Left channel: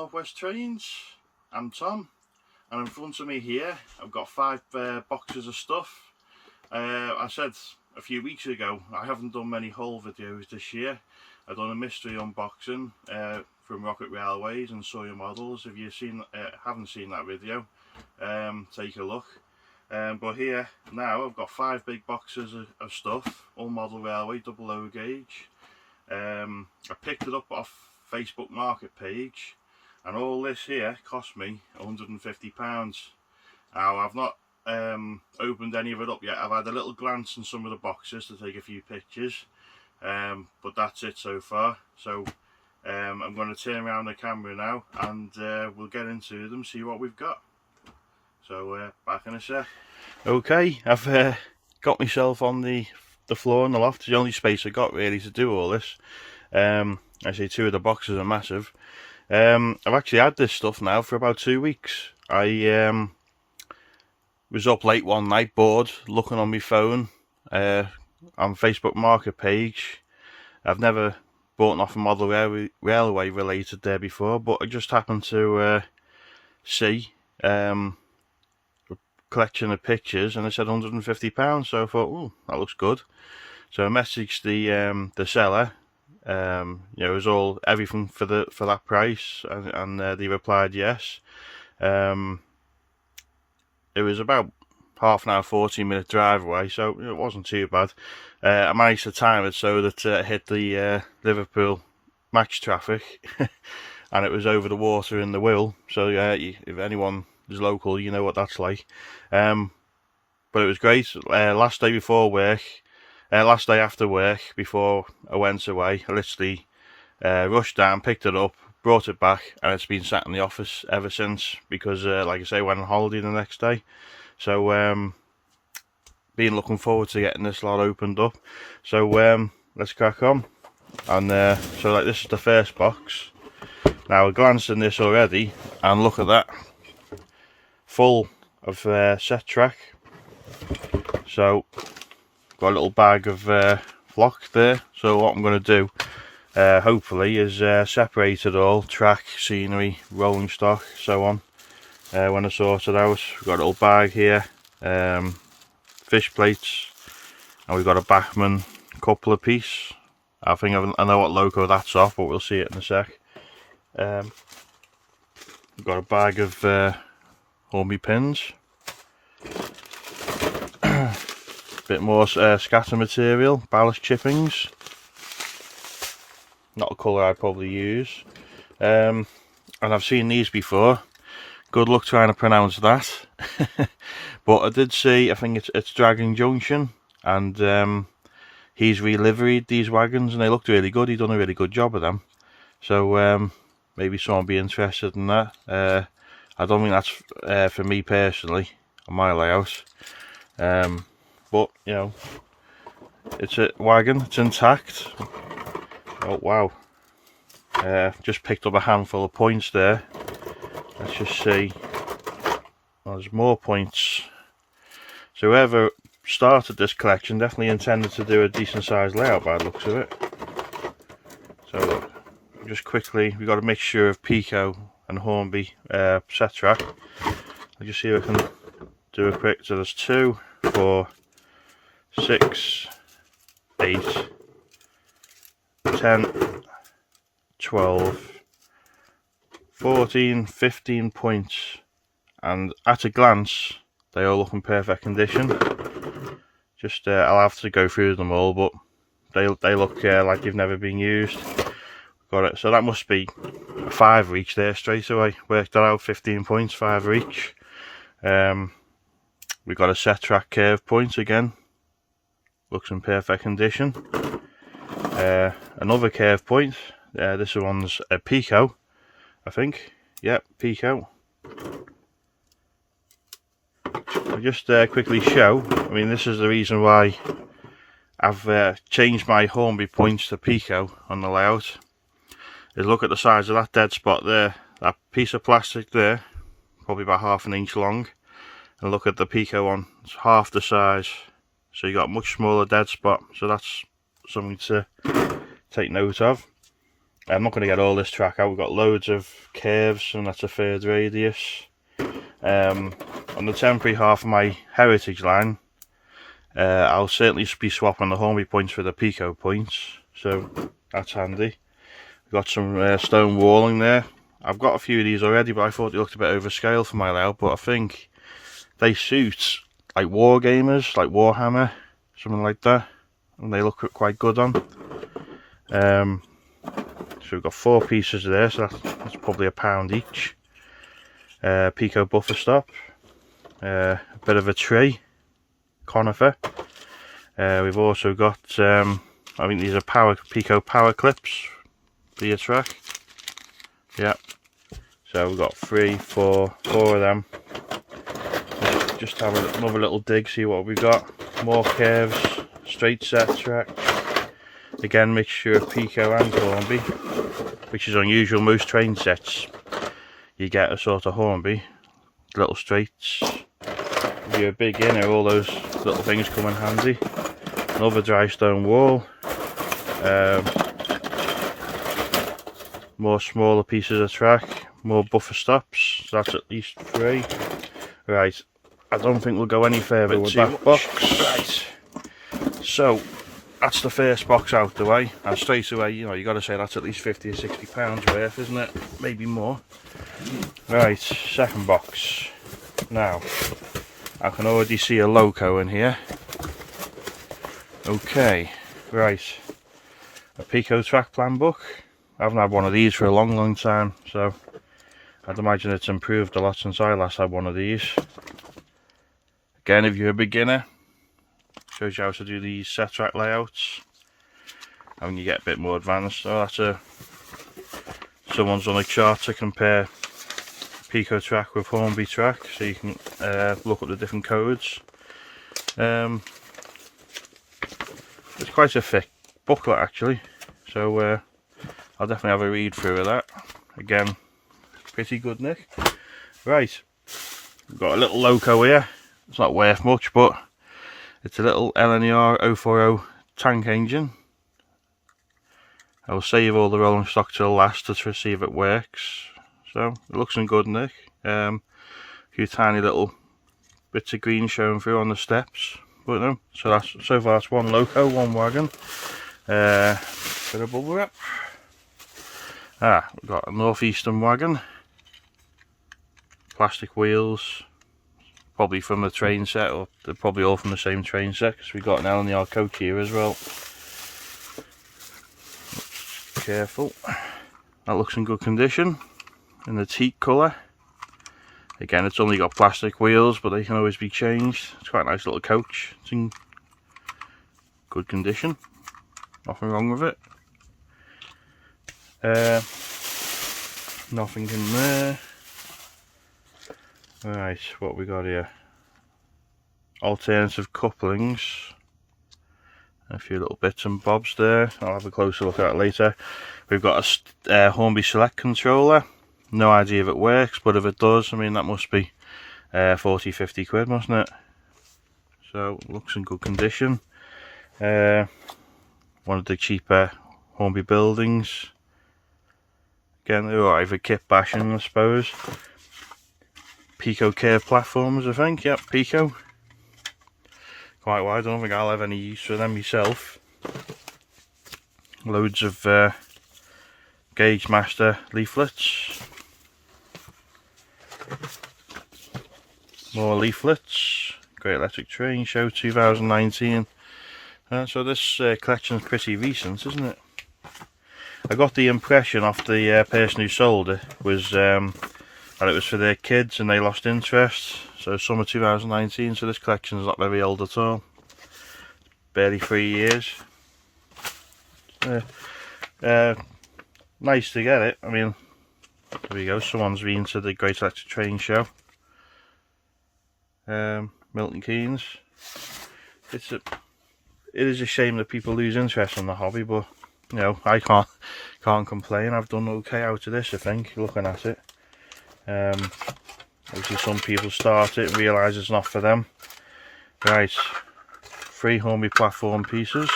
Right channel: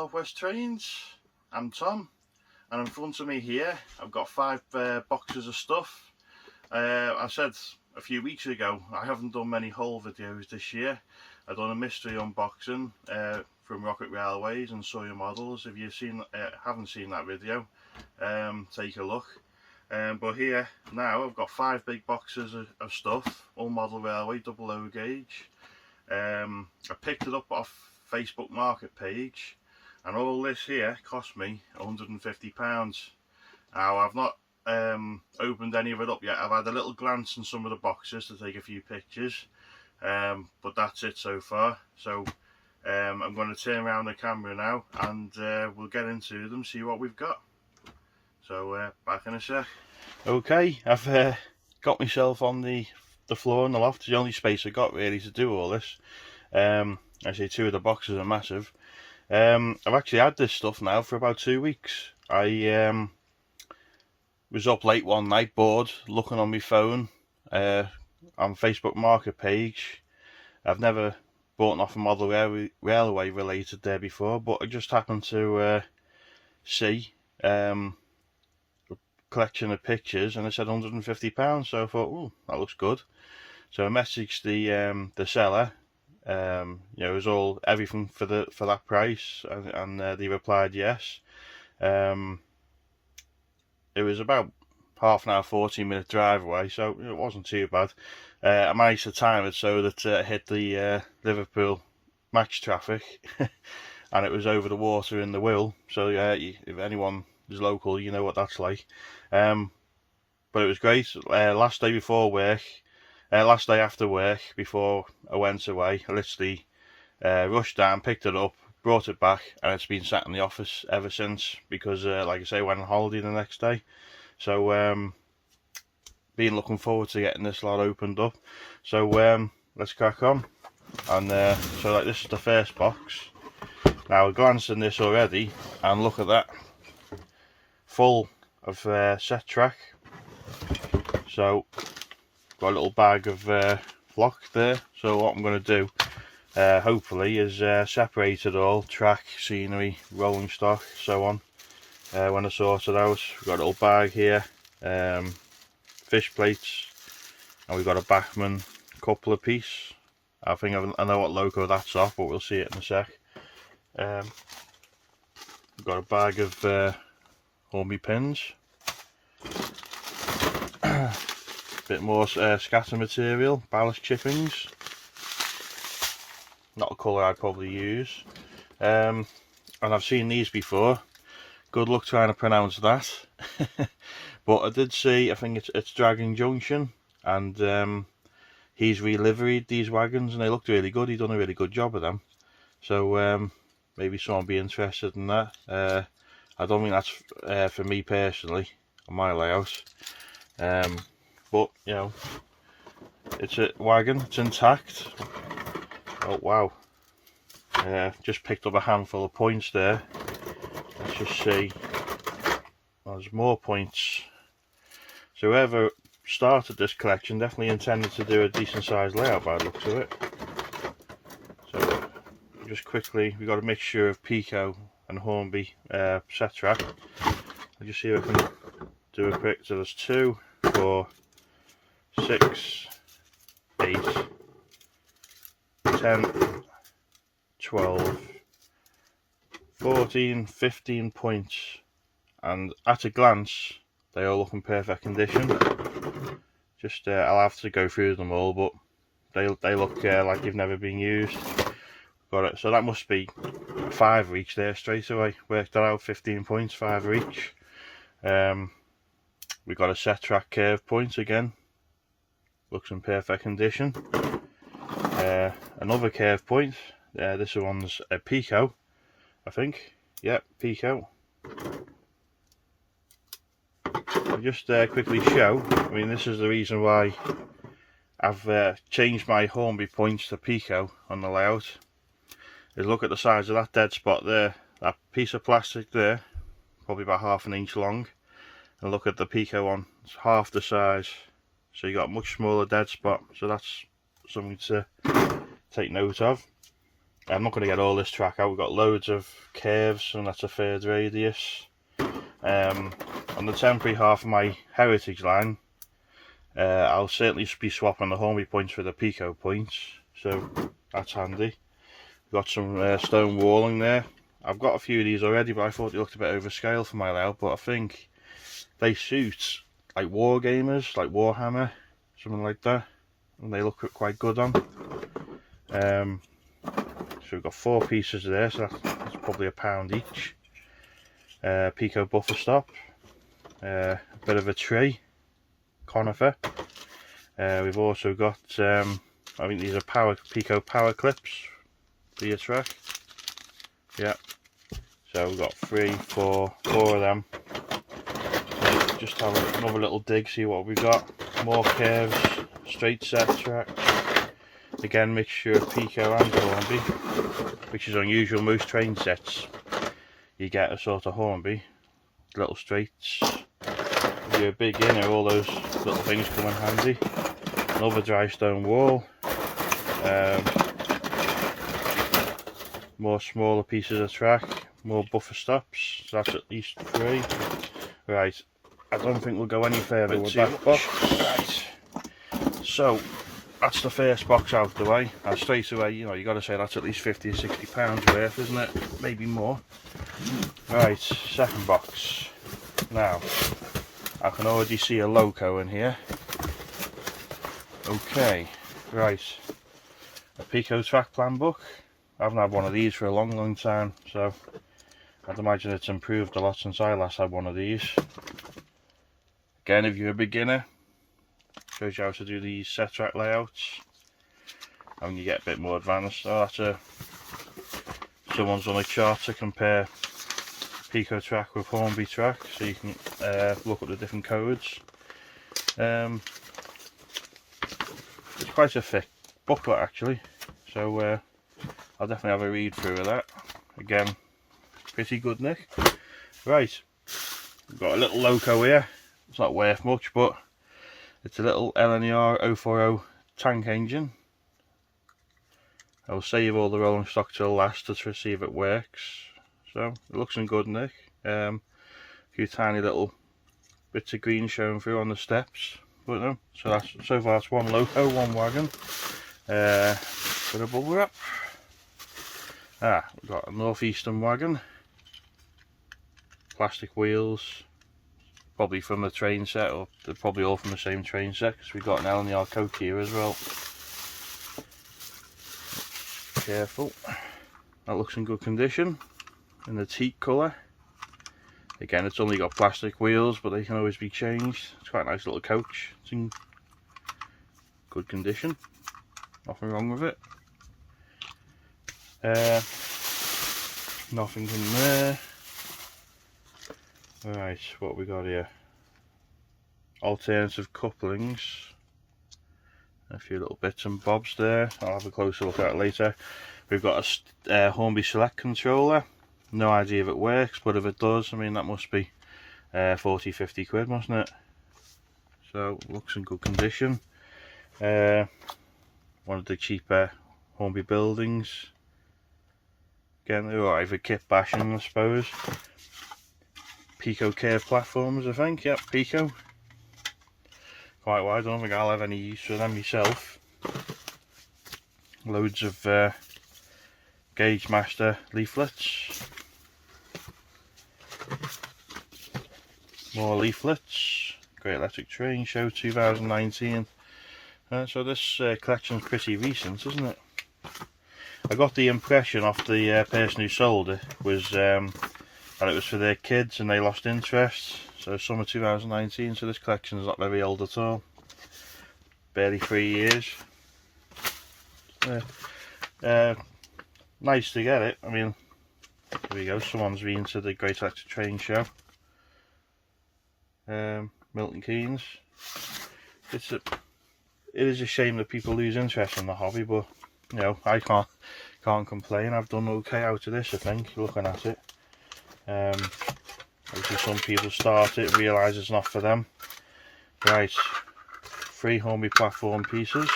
Northwest Trains. I'm Tom, and in front of me here I've got 5 boxes of stuff. I said a few weeks ago I haven't done many haul videos this year. I've done a mystery unboxing from Rocket Railways and saw your models. If you haven't seen that video, take a look. But here now I've got 5 big boxes of stuff, all model railway, double low gauge. I picked it up off Facebook market page, and all this here cost me £150. Now I've not opened any of it up yet. I've had a little glance in some of the boxes to take a few pictures, but that's it so far. So I'm going to turn around the camera now and we'll get into them, see what we've got. So back in a sec. Okay, I've got myself on the floor in the loft. It's the only space I got really to do all this. I say 2 of the boxes are massive. I've actually had this stuff now for about 2 weeks. I was up late one night, bored, looking on my phone on Facebook market page. I've never bought off a model railway related there before, but I just happened to see collection of pictures, and it said £150, so I thought, oh, that looks good. So I messaged the seller. You know, it was all everything for that price, and they replied yes. It was about half an hour, 14-minute drive away, so it wasn't too bad. I managed to time it so that it hit the Liverpool match traffic, and it was over the water in the Wirral. So yeah, if anyone is local, you know what that's like. But it was great. Last day after work, before I went away, I literally rushed down, picked it up, brought it back, and it's been sat in the office ever since, because like I say, I went on holiday the next day. So been looking forward to getting this lot opened up. So let's crack on. And so like, this is the first box. Now I glanced in this already, and look at that, full of set track. So got a little bag of flock there. So what I'm going to do hopefully is separate it all, track, scenery, rolling stock, so on, when I sort it out. We've got a little bag here, fish plates, and we've got a Bachmann coupler piece. I think I know what loco that's off, but we'll see it in a sec. We've got a bag of Hornby pins, bit more scatter material, ballast chippings, not a colour I'd probably use, and I've seen these before. Good luck trying to pronounce that. But I did see, I think it's Dragon Junction, and he's reliveried these wagons, and they looked really good. He's done a really good job of them. So maybe someone will be interested in that. I don't think that's for me personally on my layout, but you know, it's a wagon, it's intact. Oh wow, just picked up a handful of points there. Let's just see. Oh, there's more points. So whoever started this collection definitely intended to do a decent sized layout by the looks of it. So just quickly, we've got a mixture of Pico and Hornby set track. I'll just see if I can do a quick. So there's 2, 4, 6, 8, 10, 12, 14, 15 points, and at a glance they all look in perfect condition. Just I'll have to go through them all, but they look like they've never been used. Got it. So that must be 5 each there straight away. Worked that out, 15 points, 5 each. We got a set track curve point again. Looks in perfect condition. Another curve point. This one's a Pico, I think. Yep, Pico. I'll just quickly show. I mean, this is the reason why I've changed my Hornby points to Pico on the layout. Is look at the size of that dead spot there. That piece of plastic there, probably about ½ an inch long. And look at the Pico one, it's half the size. So you got a much smaller dead spot. So that's something to take note of. I'm not going to get all this track out. We've got loads of curves, and that's a third radius. On the temporary half of my heritage line, I'll certainly be swapping the Hornby points for the Pico points, so that's handy. We've got some stone walling there. I've got a few of these already, but I thought they looked a bit overscale for my layout, but I think they suit like war gamers, like Warhammer, something like that, and they look quite good on. So we've got 4 pieces there, so that's probably £1 each. Pico buffer stop, a bit of a tree, conifer. We've also got, I think these are Pico power clips for your track. Yeah, so we've got 3, 4 of them. Just have another little dig, see what we've got. More curves, straight set track. Again, mixture of Pico and Hornby, which is unusual. Most train sets you get a sort of Hornby, little straights. If you're a beginner, all those little things come in handy. Another dry stone wall. More smaller pieces of track, more buffer stops, so that's at least 3. Right, I don't think we'll go any further with that box. Right, so that's the first box out the way, and straight away, you know, you got to say that's at least 50 or 60 pounds worth, isn't it? Maybe more. Right, second box. Now, I can already see a loco in here. Okay, right, a Pico track plan book. I haven't had one of these for a long time, so I'd imagine it's improved a lot since I last had one of these. Again, if you're a beginner, shows you how to do these set track layouts, and you get a bit more advanced. So that's someone's on a chart to compare Pico track with Hornby track, so you can look up the different codes. It's quite a thick booklet actually, so I'll definitely have a read through of that. Again, pretty good, Nick. Right, we've got a little loco here. It's not worth much, but it's a little LNER 040 tank engine. I'll save all the rolling stock till last to see if it works. So it looks in good nick. A few tiny little bits of green showing through on the steps, but no. So far that's one loco, one wagon. Bit of bubble wrap. We've got a northeastern wagon. Plastic wheels. Probably from the train set, or they're probably all from the same train set, because we've got an LNER coach here as well. Careful. That looks in good condition, in the teak colour. Again, it's only got plastic wheels, but they can always be changed. It's quite a nice little coach. It's in good condition. Nothing wrong with it. Nothing in there. Right, what we got here? Alternative couplings. A few little bits and bobs there. I'll have a closer look at it later. We've got a Hornby Select controller. No idea if it works, but if it does, I mean, that must be 40-50 quid, mustn't it? So, looks in good condition. One of the cheaper Hornby buildings. Again, they're alright for kit bashing, I suppose. Pico curve platforms, I think. Yep, Pico. Quite wide. I don't think I'll have any use for them myself. Loads of Gauge Master leaflets. More leaflets. Great Electric Train Show 2019. So this collection's pretty recent, isn't it? I got the impression off the person who sold it was that it was for their kids and they lost interest. So summer 2019, so this collection's not very old at all. Barely 3 years. Nice to get it. I mean, here we go, someone's been to the Great Electric Train Show. Milton Keynes. It is a shame that people lose interest in the hobby, but you know, I can't complain. I've done okay out of this, I think, looking at it. Obviously some people start it and realise it's not for them. Right, 3 Hornby platform pieces.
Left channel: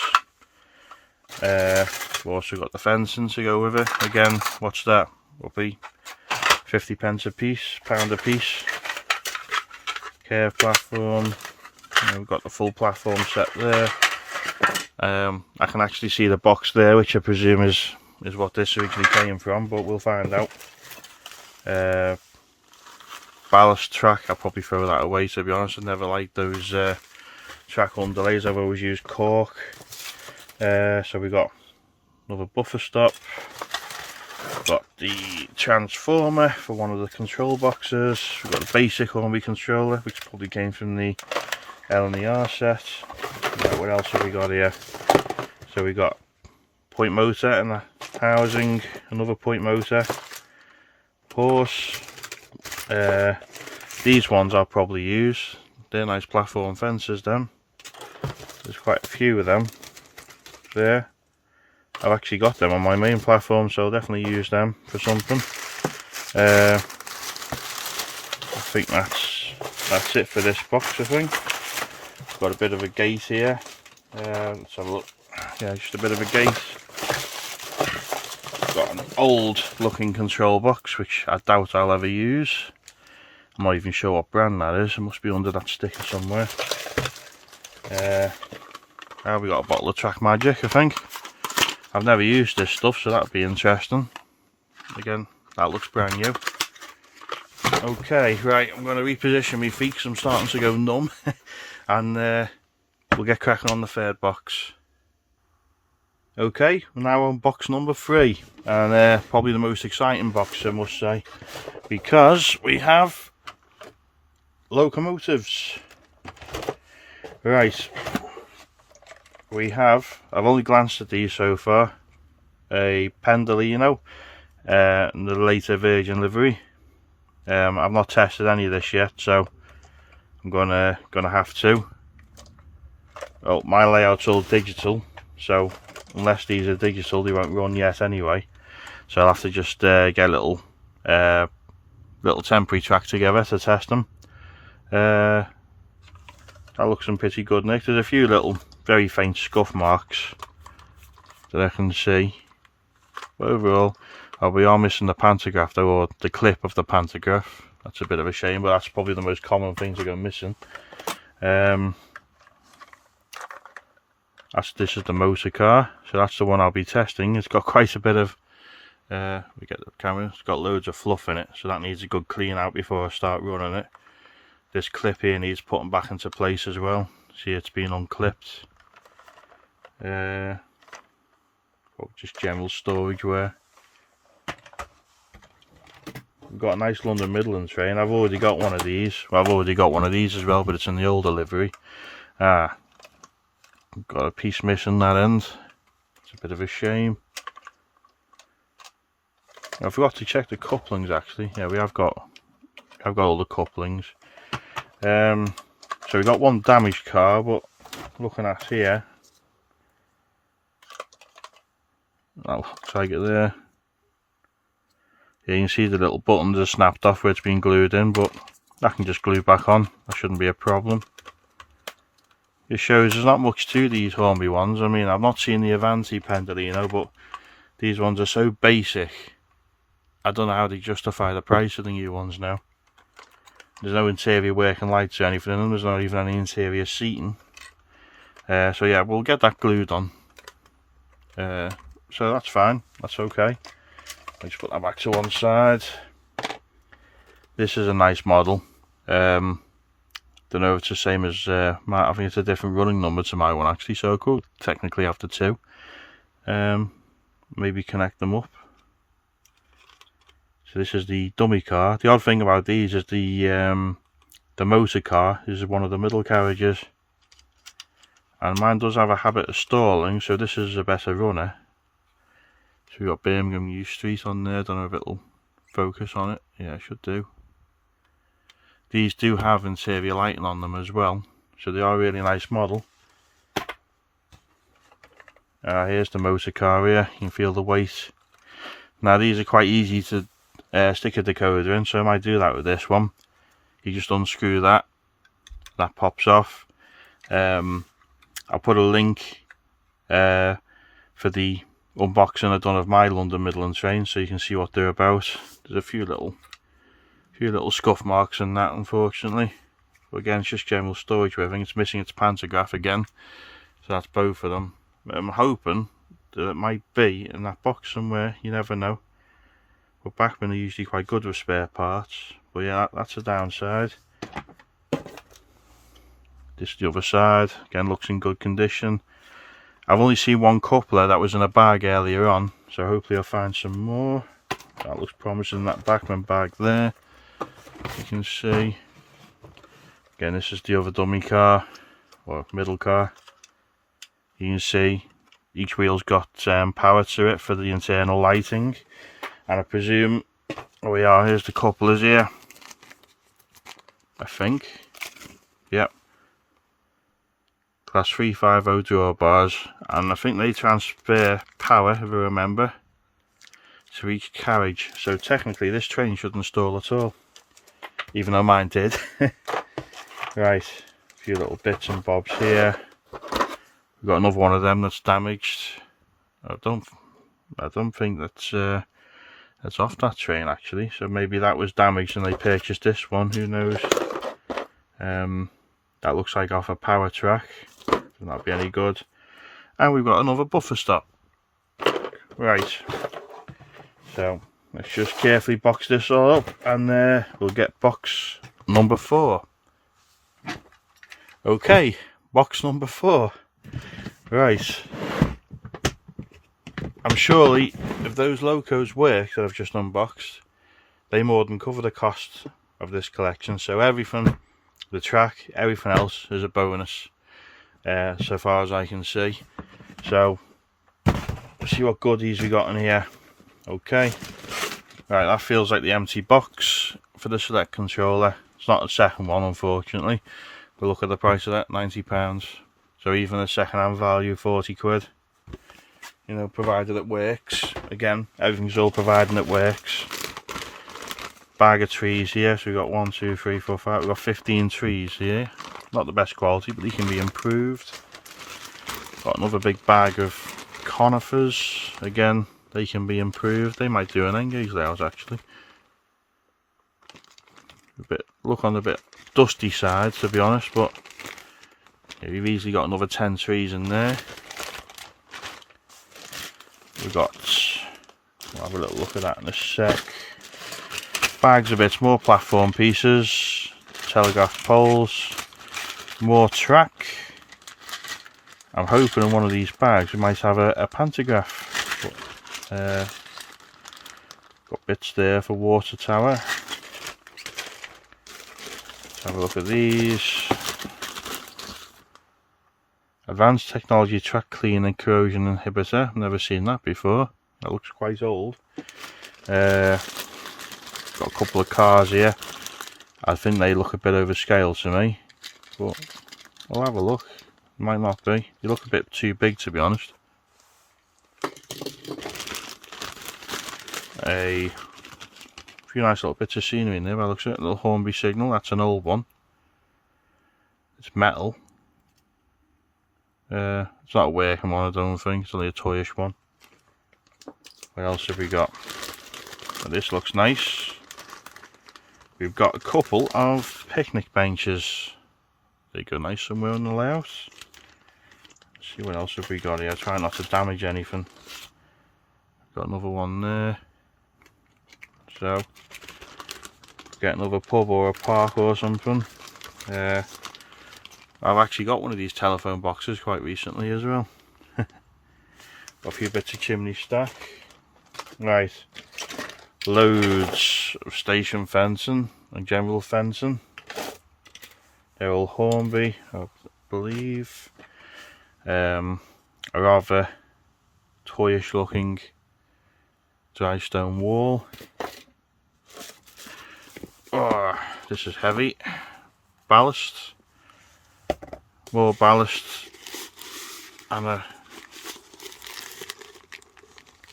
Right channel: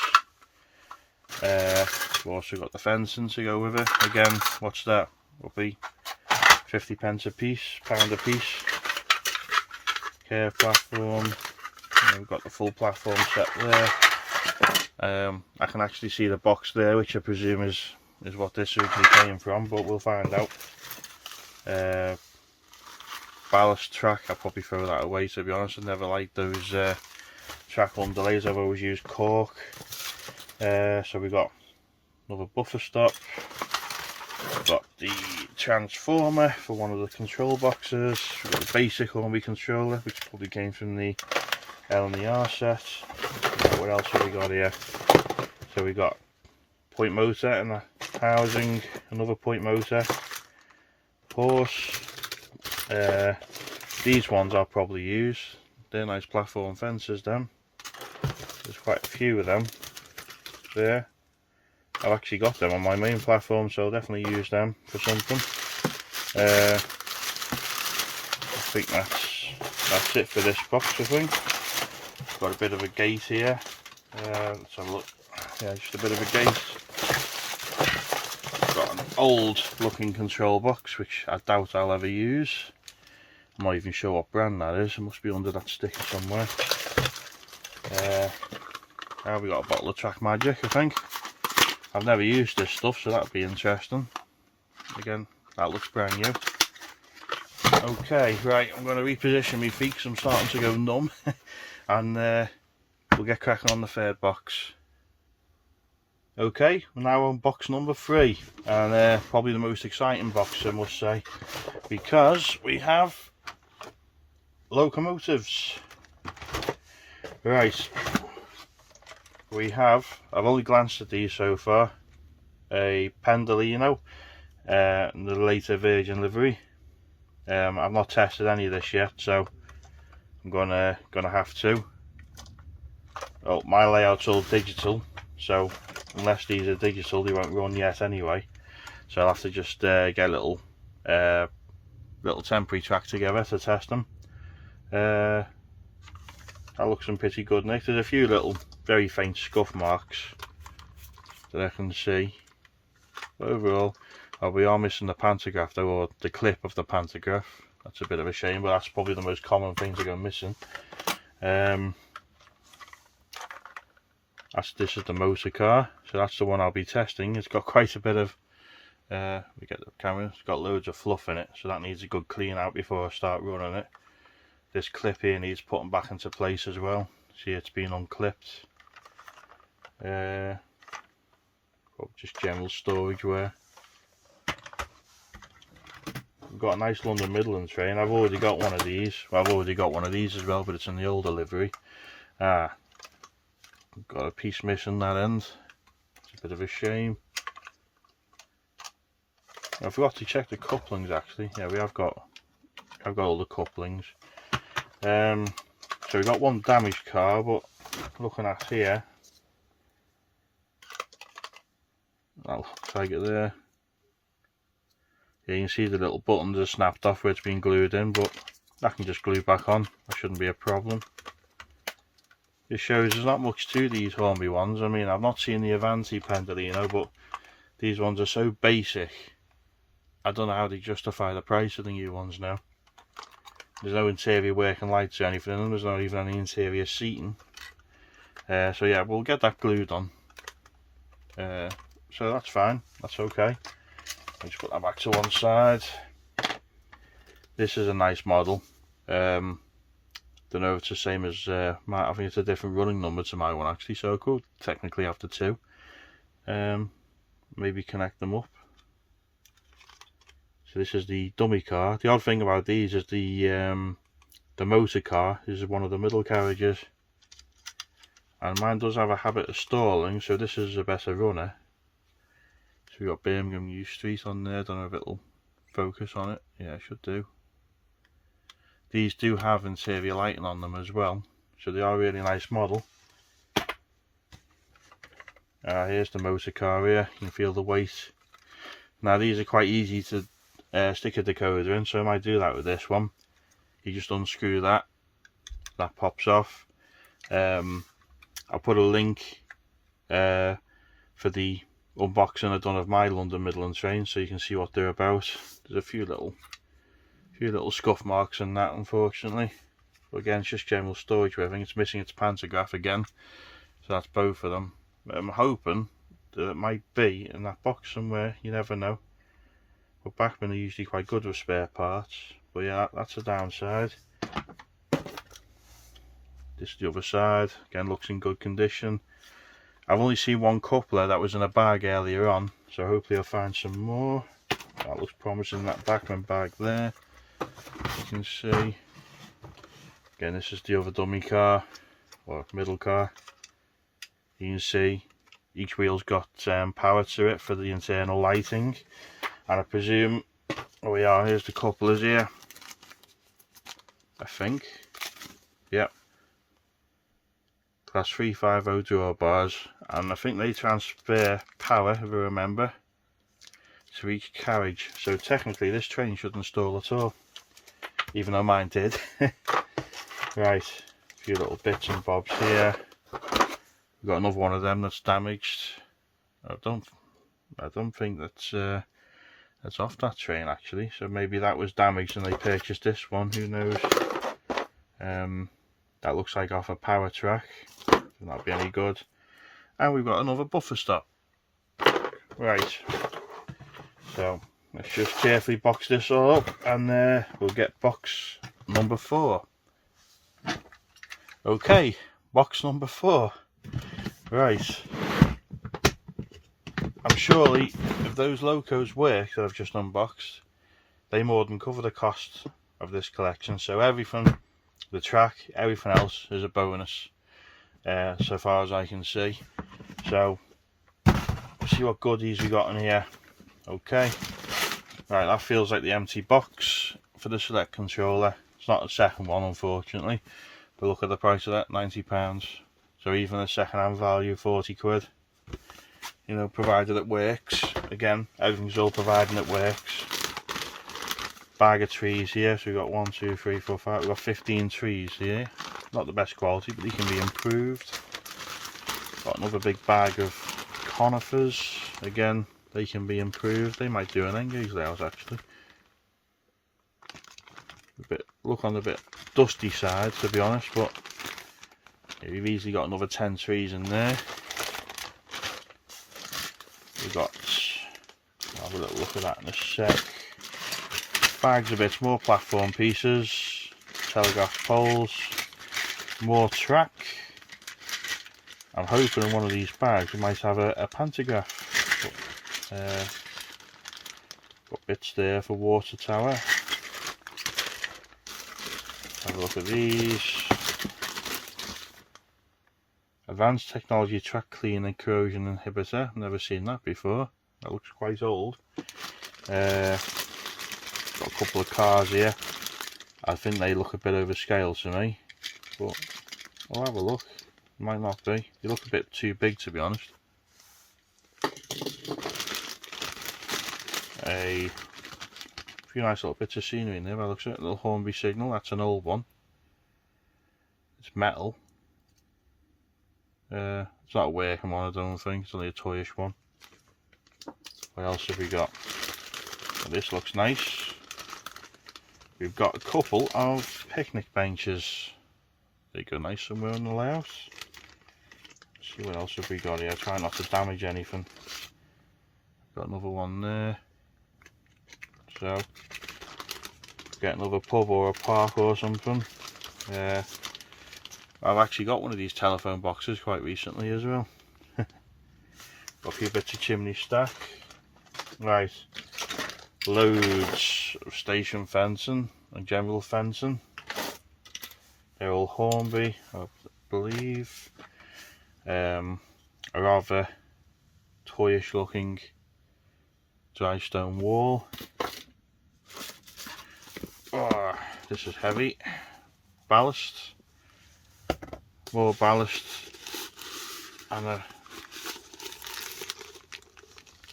We've also got the fencing to go with it. Again, what's that? Will be 50p a piece, £1 a piece. Curve platform. And we've got the full platform set there. I can actually see the box there, which I presume is what this originally came from, but we'll find out. Ballast track, I'll probably throw that away, to be honest. I never liked those track underlays. I've always used cork. So we got another buffer stop. Got the transformer for one of the control boxes. We've got the basic Hornby controller, which probably came from the L and the R set. Now, what else have we got here? So we got point motor and the housing, another point motor, horse. These ones I'll probably use. They're nice platform fences, them. There's quite a few of them there. I've actually got them on my main platform, so I'll definitely use them for something. I think that's it for this box, I think. It's got a bit of a gate here. Let's have a look. Yeah, just a bit of a gate. Got an old looking control box, which I doubt I'll ever use. I'm not even sure what brand that is. It must be under that sticker somewhere. Now we got a bottle of Track Magic, I think. I've never used this stuff, so that'd be interesting. Again, that looks brand new. Okay, right, I'm going to reposition my feet because I'm starting to go numb. And we'll get cracking on the third box. Okay, we're now on box number 3. And probably the most exciting box, I must say. Because we have locomotives. Right. We have, I've only glanced at these so far, a Pendolino and the later Virgin livery. I've not tested any of this yet, so I'm gonna have to. Oh, my layout's all digital, so unless these are digital, they won't run yet anyway. So I'll have to just get a little temporary track together to test them. That looks pretty good, Nick. There's a few little very faint scuff marks that I can see, but overall we are missing the pantograph though, or the clip of the pantograph. That's a bit of a shame, but that's probably the most common thing to go missing. This is the motor car, so that's the one I'll be testing. It's got quite a bit of we get the camera, it's got loads of fluff in it, so that needs a good clean out before I start running it. This clip here needs putting back into place as well. See, it's been unclipped. Just general storage wear. We've got a nice London Midland train. I've already got one of these. Well, I've already got one of these as well, but it's in the older livery. Got a piece missing that end. It's a bit of a shame. I forgot to check the couplings actually. Yeah, I've got all the couplings. So we got one damaged car, but looking at here, I'll tag it there. Yeah, you can see the little buttons are snapped off where it's been glued in, but that can just glue back on. That shouldn't be a problem. It shows there's not much to these Hornby ones. I mean, I've not seen the Avanti Pendolino, but these ones are so basic. I don't know how they justify the price of the new ones now. There's no interior working lights or anything in them. There's not even any interior seating. So yeah, we'll get that glued on. So that's fine. That's okay. I'll just put that back to one side. This is a nice model. Don't know if it's the same as I think it's a different running number to my one actually, so I could technically have the two. Maybe connect them up. So this is the dummy car. The odd thing about these is the motor car is one of the middle carriages, and mine does have a habit of stalling, so this is a better runner. So we've got Birmingham New Street on there. Don't know if it'll focus on it. Yeah, it should do. These do have interior lighting on them as well, so they are a really nice model. Here's the motor car here. You can feel the weight. Now these are quite easy to stick a decoder in, so I might do that with this one. You just unscrew that pops off. I'll put a link for the unboxing I've done of my London Midland train, so you can see what they're about. There's a few little scuff marks and that, unfortunately. But again, it's just general storage with everything. It's missing its pantograph again, so that's both of them. But I'm hoping that it might be in that box somewhere. You never know. But Bachmann are usually quite good with spare parts. But yeah, that's a downside. This is the other side. Again, looks in good condition. I've only seen one coupler that was in a bag earlier on, so hopefully I'll find some more. That looks promising, that Bachmann bag there. You can see. Again, this is the other dummy car, or middle car. You can see each wheel's got power to it for the internal lighting. And I presume, oh we are, here's the couplers here. I think. Yep. Class 350 drawbars, and I think they transfer power, if I remember, to each carriage. So technically this train shouldn't stall at all, even though mine did. Right, a few little bits and bobs here. We've got another one of them that's damaged. I don't think that's off that train actually. So maybe that was damaged and they purchased this one. Who knows? That looks like off a power track. That'll be any good. And we've got another buffer stop. Right. So let's just carefully box this all up, and we'll get box number 4. Okay, box number 4. Right. I'm surely, if those locos work that I've just unboxed, they more than cover the cost of this collection. So everything, the track, everything else is a bonus, so far as I can see. So let's see what goodies we got in here. Okay. Right, that feels like the empty box for the select controller. It's not the second one, unfortunately. But look at the price of that, £90. So even a second-hand value, 40 quid. You know, provided it works. Again, everything's all providing it works. Bag of trees here. So we've got 1, 2, 3, 4, 5. We've got 15 trees here. Not the best quality, but they can be improved. Got another big bag of conifers. Again, they can be improved. They might do an engage layout actually. Look on the bit dusty side, to be honest, but yeah, we've easily got another 10 trees in there. We've got, I'll have a little look at that in a sec. Bags of bits, more platform pieces, telegraph poles, more track. I'm hoping in one of these bags we might have a pantograph. Got bits there for water tower. Have a look at these. Advanced technology track clean and corrosion inhibitor. I've never seen that before. That looks quite old. Got a couple of cars here. I think they look a bit overscale to me, but I'll have a look. Might not be. They look a bit too big, to be honest. A few nice little bits of scenery in there. By looks at it, a little Hornby signal. That's an old one. It's metal. It's not a working one, I don't think. It's only a toyish one. What else have we got? Well, this looks nice. We've got a couple of picnic benches. They go nice somewhere on the layout. Let's see what else have we got here. Try not to damage anything. Got another one there. So, get another pub or a park or something. I've actually got one of these telephone boxes quite recently as well. Got a few bits of chimney stack. Right. Loads of station fencing and general fencing. They're all Hornby, I believe. A rather toyish looking dry stone wall. Oh, this is heavy. Ballast. More ballast. And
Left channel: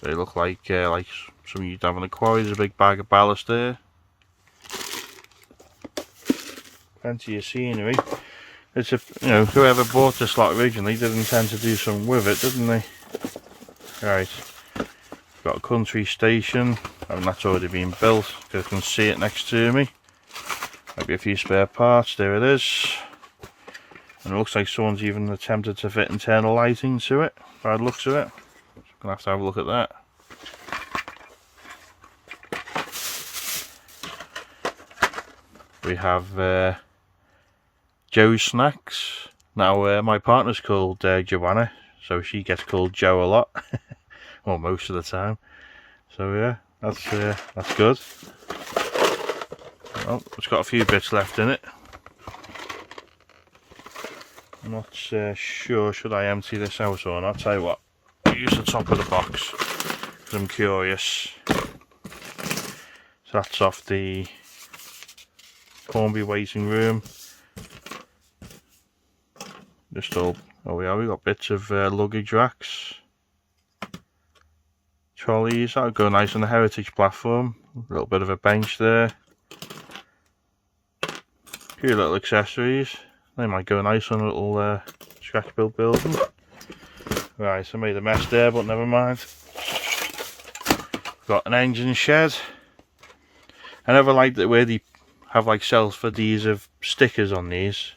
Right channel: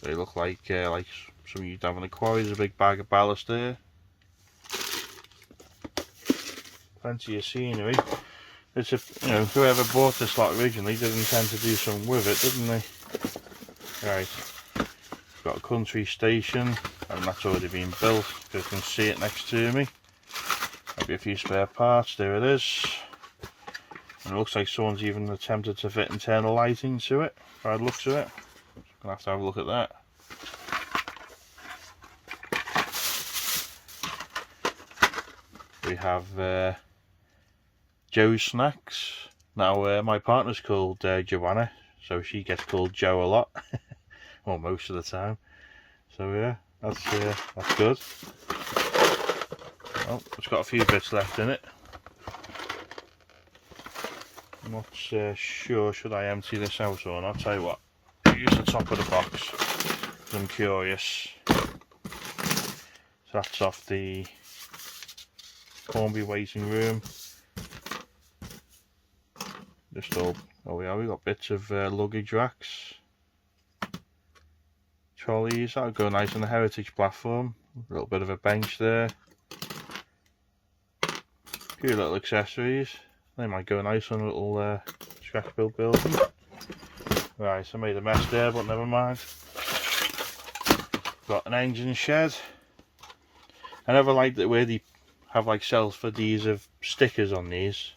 they look like something you'd have in a quarry. There's a big bag of ballast there. Plenty of scenery. It's whoever bought this lot originally did intend to do something with it, didn't they? Right. Got a country station, and that's already been built because I can see it next to me. Maybe a few spare parts, there it is. And it looks like someone's even attempted to fit internal lighting to it, by the looks of it. Gonna have to have a look at that. We have Joe's Snacks. Now my partner's called Joanna, so she gets called Joe a lot, well, most of the time. So yeah, that's good. Well, it's got a few bits left in it. I'm not sure should I empty this out or not. I'll tell you what, I'll use the top of the box because I'm curious. So that's off the Cornby waiting room. Just all, oh yeah, we got bits of luggage racks, trolleys. That'll go nice on the heritage platform. A little bit of a bench there. A few little accessories. They might go nice on a little scratch build building. Right, I made a mess there, but never mind. Got an engine shed. I never liked it where they have like self-adhesive stickers on these.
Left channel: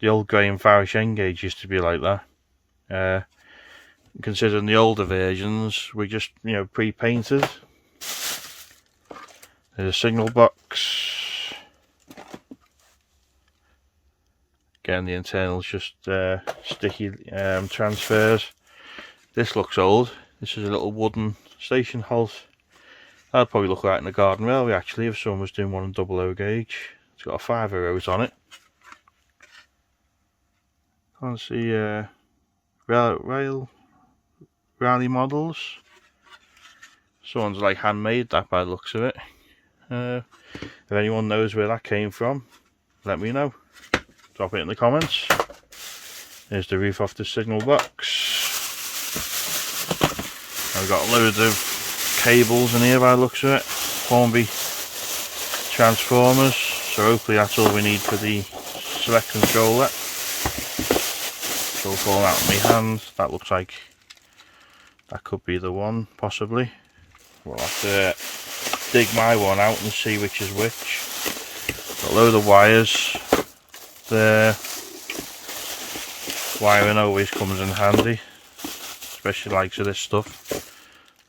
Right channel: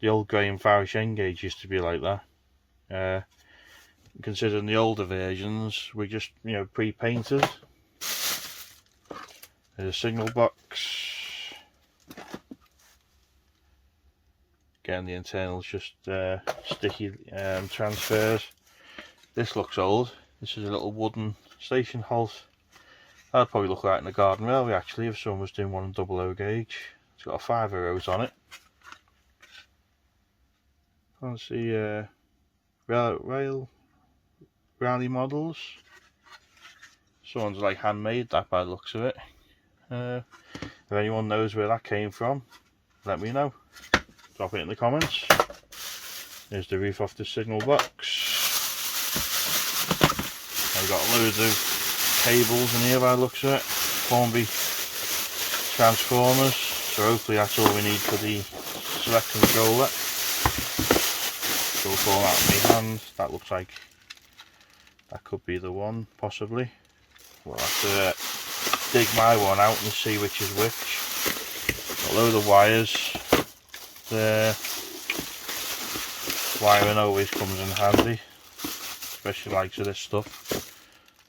The old Graham Farish N-Gauge used to be like that. Considering the older versions were just, you know, pre-painted. There's a signal box. Again, the internals just sticky transfers. This looks old. This is a little wooden station halt. That'd probably look right in the garden railway actually if someone was doing one on 00 gauge. It's got a 5 rows on it. Can't see rally models. Someone's like handmade that by the looks of it. If anyone knows where that came from, let me know. Drop it in the comments. There's the roof off the signal box. I've got loads of cables in here by the looks of it. Cornby transformers. So hopefully that's all we need for the select controller. So we'll fall out of my hand. That looks like that could be the one, possibly. We'll have to dig my one out and see which is which. Got a load of wires there. Wiring always comes in handy, especially likes of this stuff.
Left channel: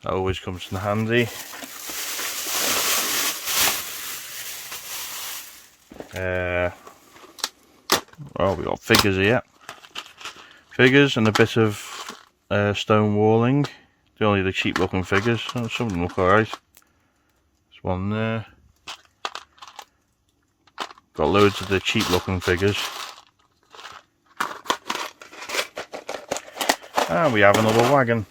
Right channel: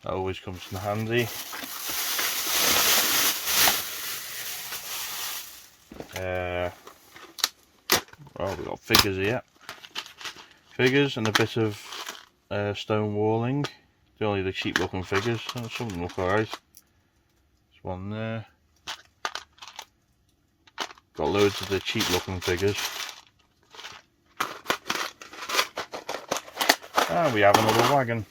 That always comes in handy. Oh, we got figures here. Figures and a bit of stone walling. They're only the cheap looking figures. Oh, some of them look alright. There's one there. Got loads of the cheap looking figures. And we have another wagon.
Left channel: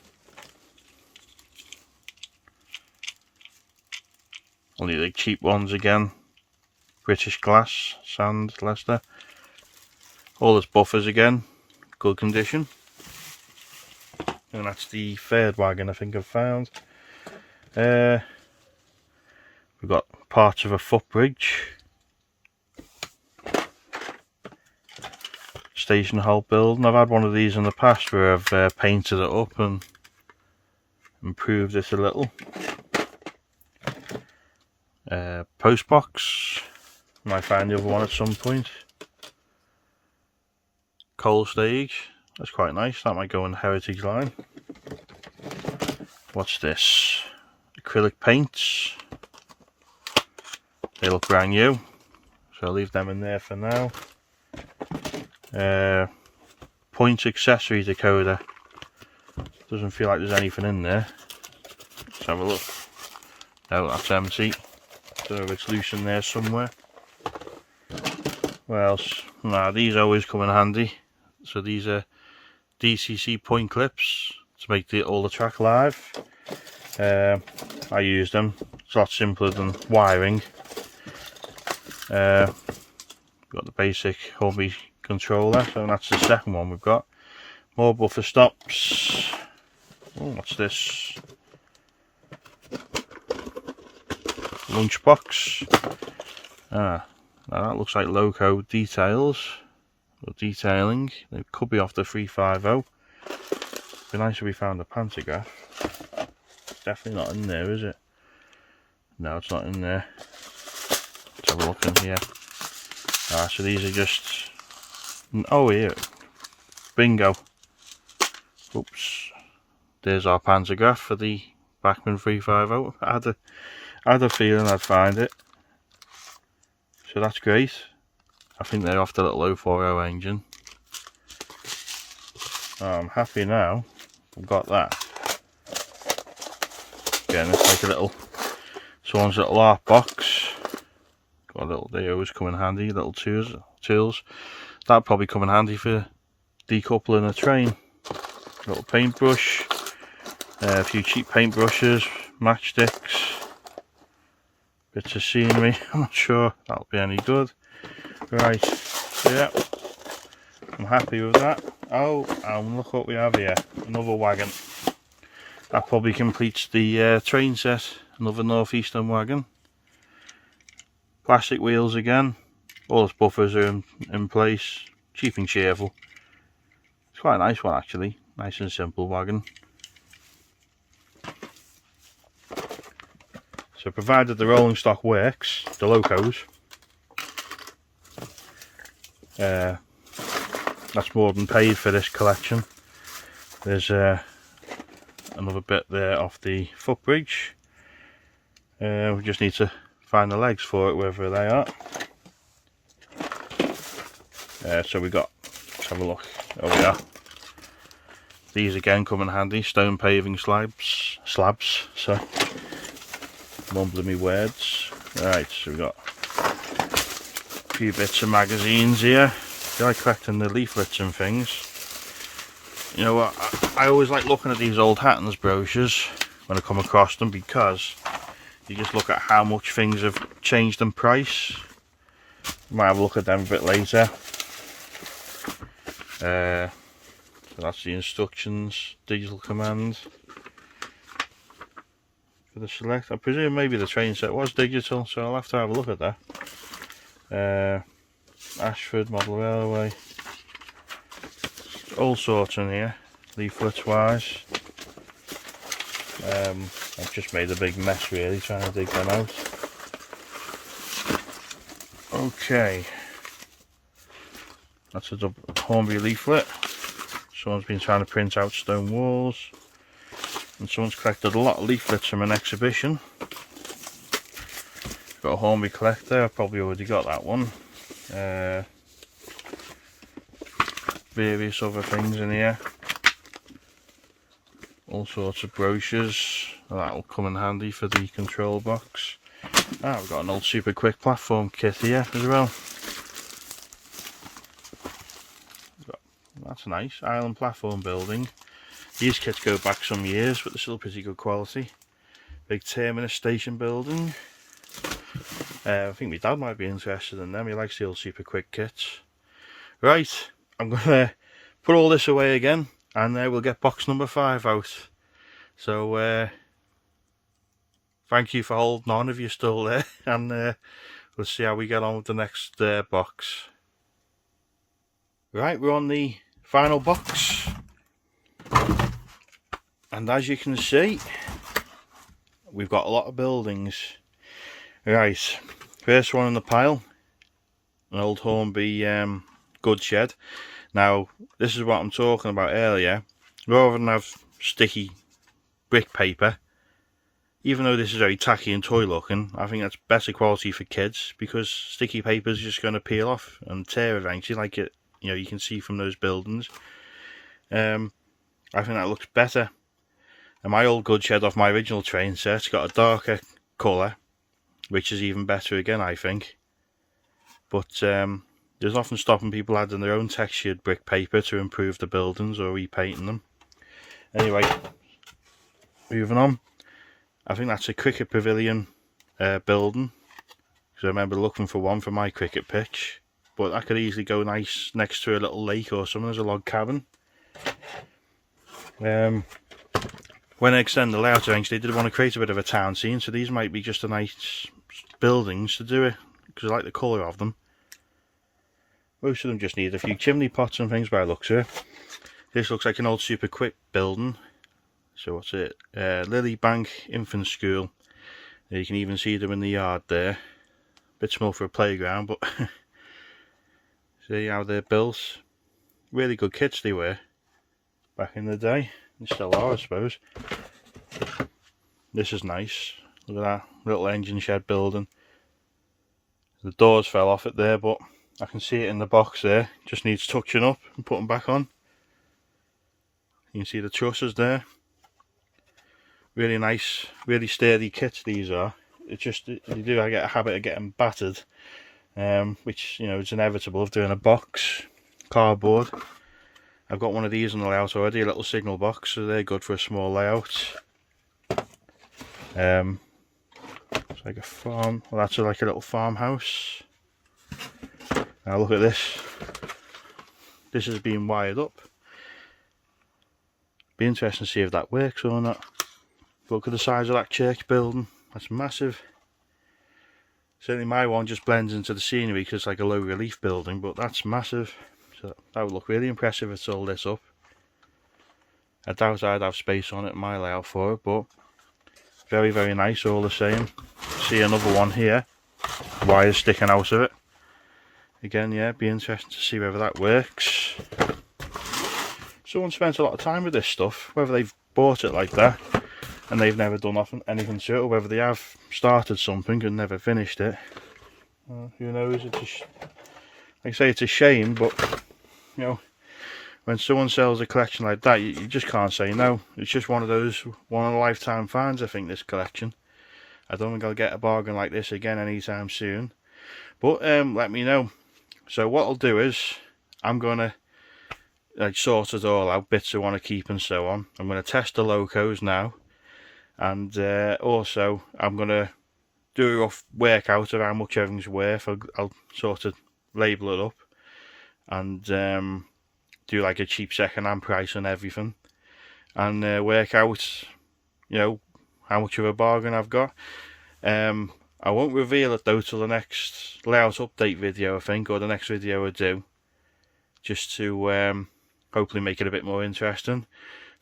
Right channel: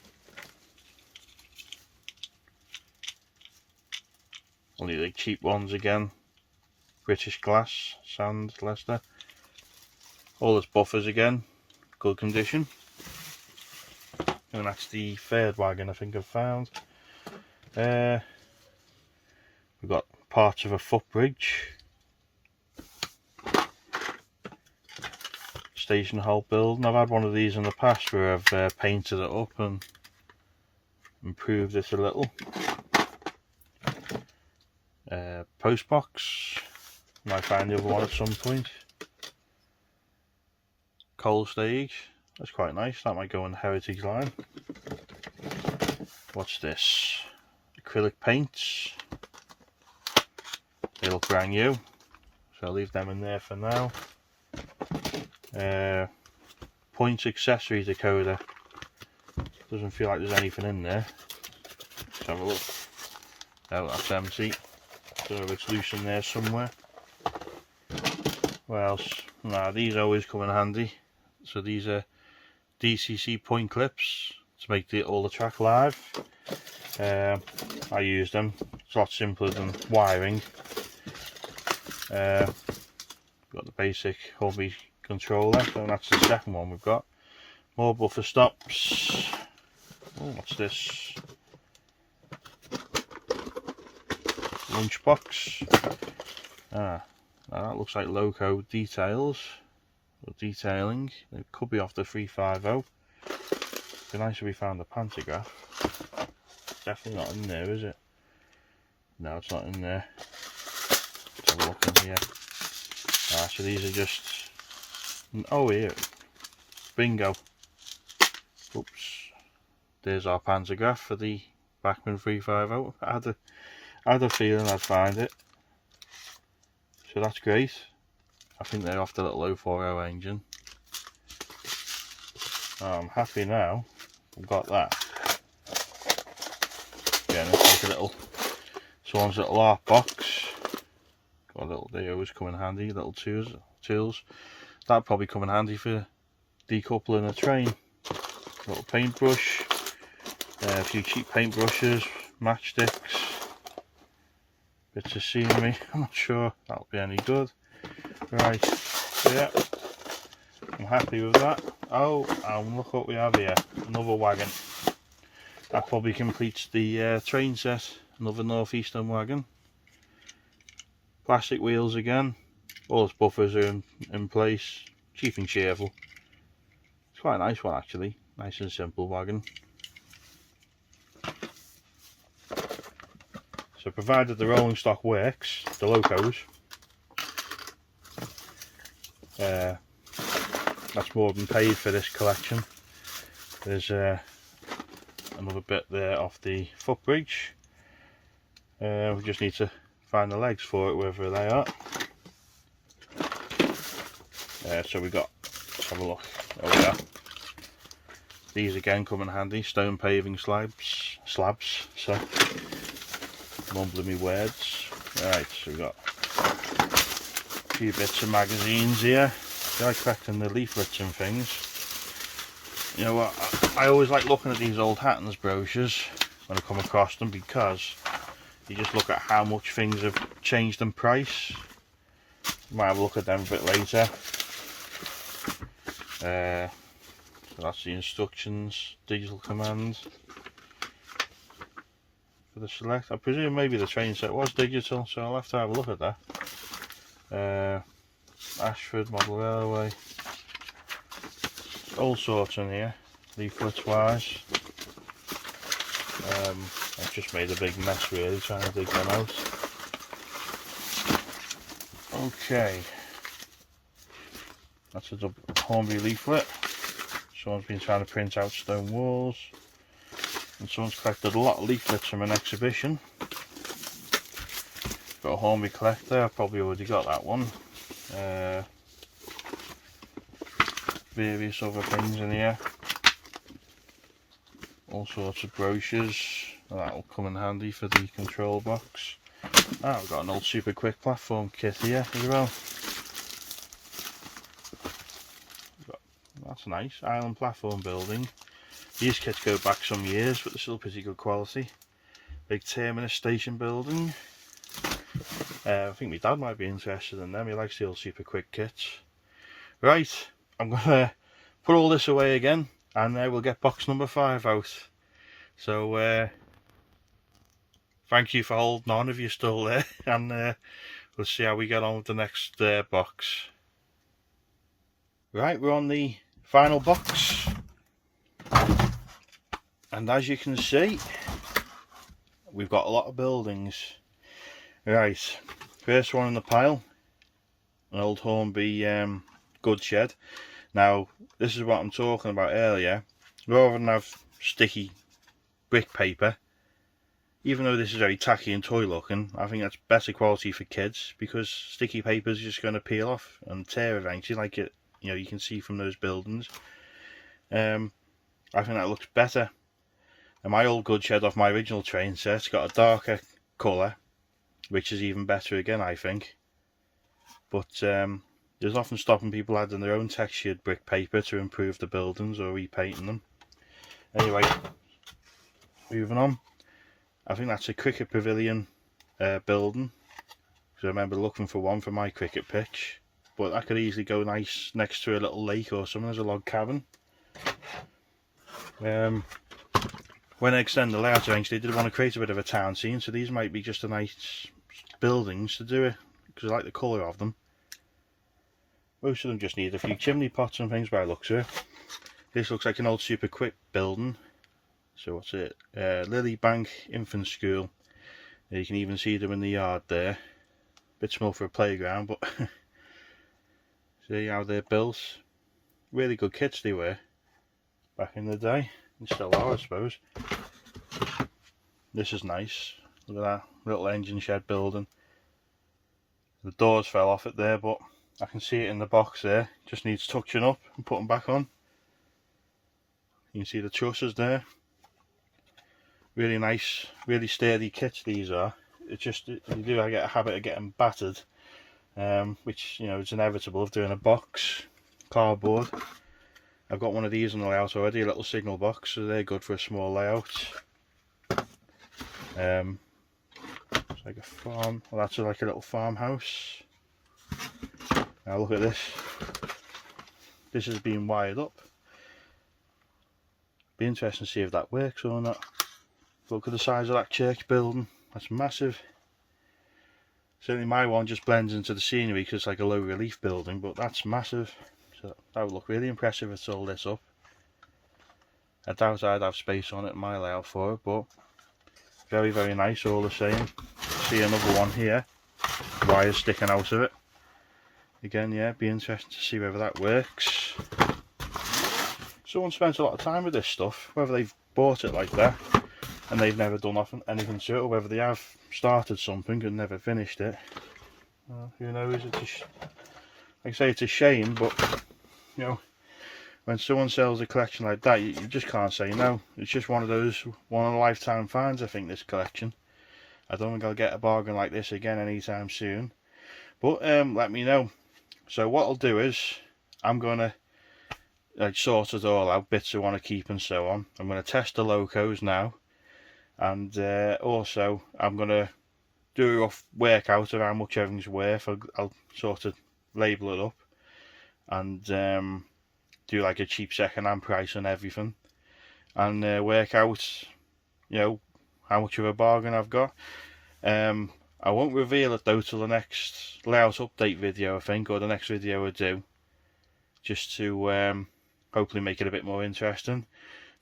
Only the cheap ones again. British glass, sand, Leicester. All its buffers again, good condition. And that's the third wagon I think I've found. We've got parts of a footbridge. Station halt building. I've had one of these in the past where I've painted it up and improved it a little. Post box. Might find the other one at some point. Coal stage. That's quite nice. That might go in the heritage line. What's this? Acrylic paints. They look brand new, so I'll leave them in there for now. Point accessory decoder. Doesn't feel like there's anything in there. Let's have a look. No, that's empty. So it's loose in there somewhere. What else? Nah, these always come in handy. So these are DCC point clips to make all the track live. I use them. It's a lot simpler than wiring. Got the basic Cornby controller, so that's the second one we've got. More buffer stops. Oh, what's this? Lunchbox. Ah, now that looks like loco details or detailing. It could be off the 350. Be nice if we found a pantograph. definitely not in there, is it? No, it's not in there. Let's have a look in here. Ah, so these are just... Oh, here. Bingo. Oops. There's our pantograph for the Bachmann 350. I had a feeling I'd find it. So that's great. I think they're off the little 040 engine. I'm happy now. I've got that. Again, it's like a little... someone's little art box. Got a little... They always come in handy. Little tools. That'll probably come in handy for decoupling a train. Little paintbrush. A few cheap paintbrushes. Matchsticks. Bits of scenery. I'm not sure that'll be any good. Right. Yeah. I'm happy with that. Oh, and look what we have here. Another wagon. That probably completes the train set. Another northeastern wagon. Plastic wheels again. All the buffers are in place. Cheap and cheerful. It's quite a nice one actually. Nice and simple wagon. So provided the rolling stock works, the locos, that's more than paid for this collection. There's another bit there off the footbridge. We just need to find the legs for it, wherever they are. So we got, let's have a look. There we are. These again come in handy. Stone paving slabs. So, mumbling me words. Right, so we got a few bits of magazines here. I like collecting the leaflets and things. You know what, I always like looking at these old Hattons brochures when I come across them, because you just look at how much things have changed in price. Might have a look at them a bit later. So that's the instructions, digital commands for the select. I presume maybe the train set was digital, so I'll have to have a look at that. Ashford Model Railway. All sorts in here, leaflets wise. I've just made a big mess really trying to dig them out. Okay, that's a Hornby leaflet. Someone's been trying to print out stone walls, and someone's collected a lot of leaflets from an exhibition. Got a Hornby collector, I've probably already got that one. Various other things in here, all sorts of brochures. That'll come in handy for the control box. I've got an old super quick platform kit here as well. That's nice. Island platform building. These kits go back some years, but they're still pretty good quality. Big terminus station building. I think my dad might be interested in them. He likes the old super quick kits. Right, I'm going to put all this away again, and we'll get box number 5 out. So, thank you for holding on if you're still there, and we'll see how we get on with the next box. Right, we're on the final box, and as you can see, we've got a lot of buildings. Right, first one in the pile, an old Hornby goods shed. Now, this is what I'm talking about earlier. Rather than have sticky brick paper, even though this is very tacky and toy looking, I think that's better quality for kids, because sticky paper is just going to peel off and tear eventually, like it, you know, you can see from those buildings. I think that looks better. And my old goods shed off my original train set's got a darker colour, which is even better again, I think. But there's often stopping people adding their own textured brick paper to improve the buildings or repainting them. Anyway, moving on. I think that's a cricket pavilion building, because I remember looking for one for my cricket pitch, but that could easily go nice next to a little lake or something as a log cabin. When I extend the layout eventually, they did want to create a bit of a town scene, so these might be just a nice buildings to do it, because I like the colour of them. Most of them just need a few chimney pots and things by the looks of it. This looks like an old super quick building. So what's it? Lily Bank Infant School. You can even see them in the yard there. Bit small for a playground, but see how they're built. Really good kits they were back in the day. They still are, I suppose. This is nice. Look at that little engine shed building. The doors fell off it there, but I can see it in the box there. Just needs touching up and putting back on. You can see the trusses there. Really nice, really sturdy kits these are. It's just, you do get a habit of getting battered, which, you know, it's inevitable of doing a box, cardboard. I've got one of these in the layout already, a little signal box, so they're good for a small layout. It's like a farm, well that's like a little farmhouse. Now look at this. This is being wired up. Be interesting to see if that works or not. Look at the size of that church building, that's massive. Certainly my one just blends into the scenery because it's like a low relief building, but that's massive. So that would look really impressive if it's all this up. I doubt I'd have space on it in my layout for it, but very, very nice all the same. See another one here, wires sticking out of it. Again, yeah, be interesting to see whether that works. Someone spent a lot of time with this stuff, whether they've bought it like that and they've never done anything to it, or whether they have started something and never finished it. Who knows? It's like I say, it's a shame, but you know, when someone sells a collection like that, you just can't say no. It's just one of those one-in-a-lifetime finds, I think, this collection. I don't think I'll get a bargain like this again anytime soon. But let me know. So what I'll do is, I'm going to sort it all out, bits I want to keep and so on. I'm going to test the locos now. And also, I'm going to do a rough workout of how much everything's worth. I'll sort of label it up. And do like a cheap second-hand price on everything. And work out, you know, how much of a bargain I've got. I won't reveal it though till the next layout update video, I think, or the next video I do, just to hopefully make it a bit more interesting.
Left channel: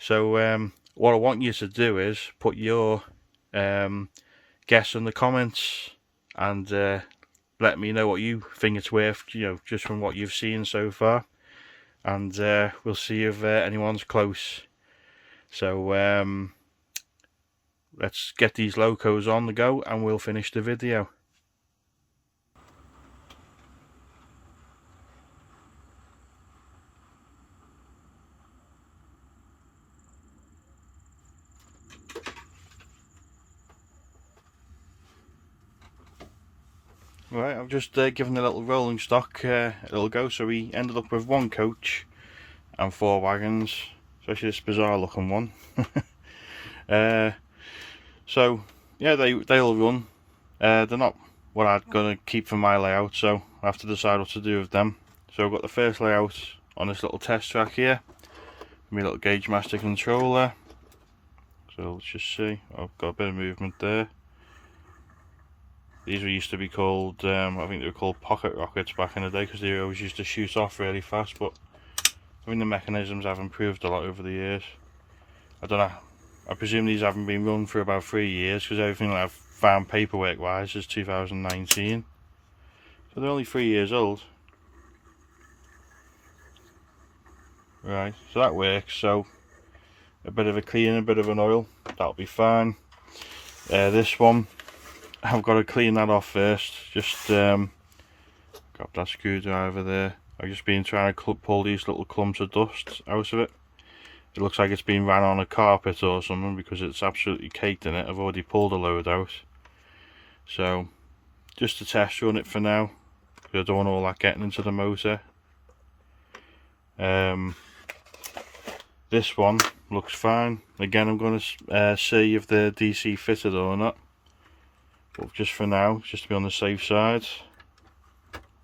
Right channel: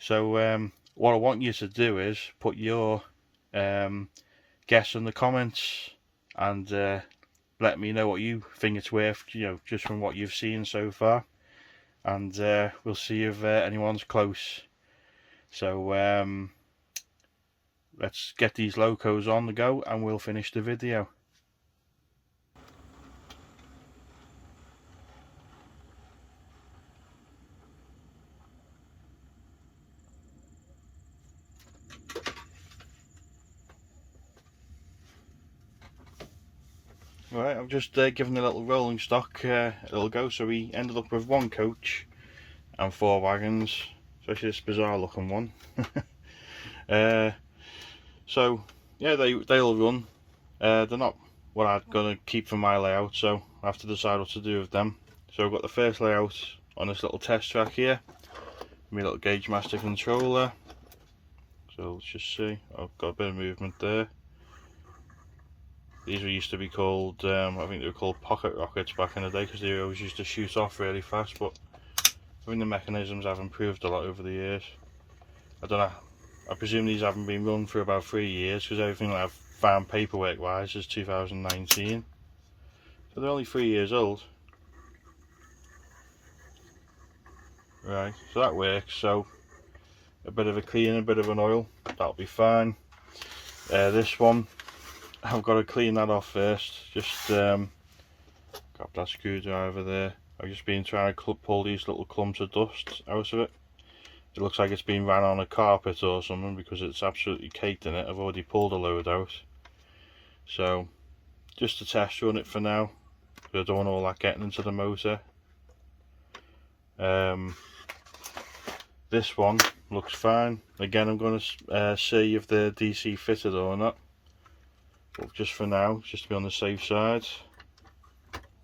So what I want you to do is put your guess in the comments and let me know what you think it's worth, you know, just from what you've seen so far, and we'll see if anyone's close. So let's get these locos on the go and we'll finish the video. Right, I've just given the little rolling stock a little go, so we ended up with one coach and 4 wagons, especially this bizarre looking one. So yeah, they'll run. They're not what I'm gonna keep for my layout, so I have to decide what to do with them. So I've got the first layout on this little test track here, my little Gauge Master controller. So let's just see, I've got a bit of movement there. These used to be called, I think they were called pocket rockets back in the day, because they always used to shoot off really fast, but I think the mechanisms have improved a lot over the years. I don't know, I presume these haven't been run for about 3 years, because everything that I've found paperwork wise is 2019. So they're only 3 years old. Right, so that works. So a bit of a clean, a bit of an oil, that'll be fine. This one, I've got to clean that off first. Just grab that screwdriver there. I've just been trying to pull these little clumps of dust out of it. It looks like it's been ran on a carpet or something, because it's absolutely caked in it. I've already pulled a load out. So just to test run it for now, because I don't want all that getting into the motor. This one looks fine. Again, I'm going to see if the DC fitted or not. But just for now, just to be on the safe side,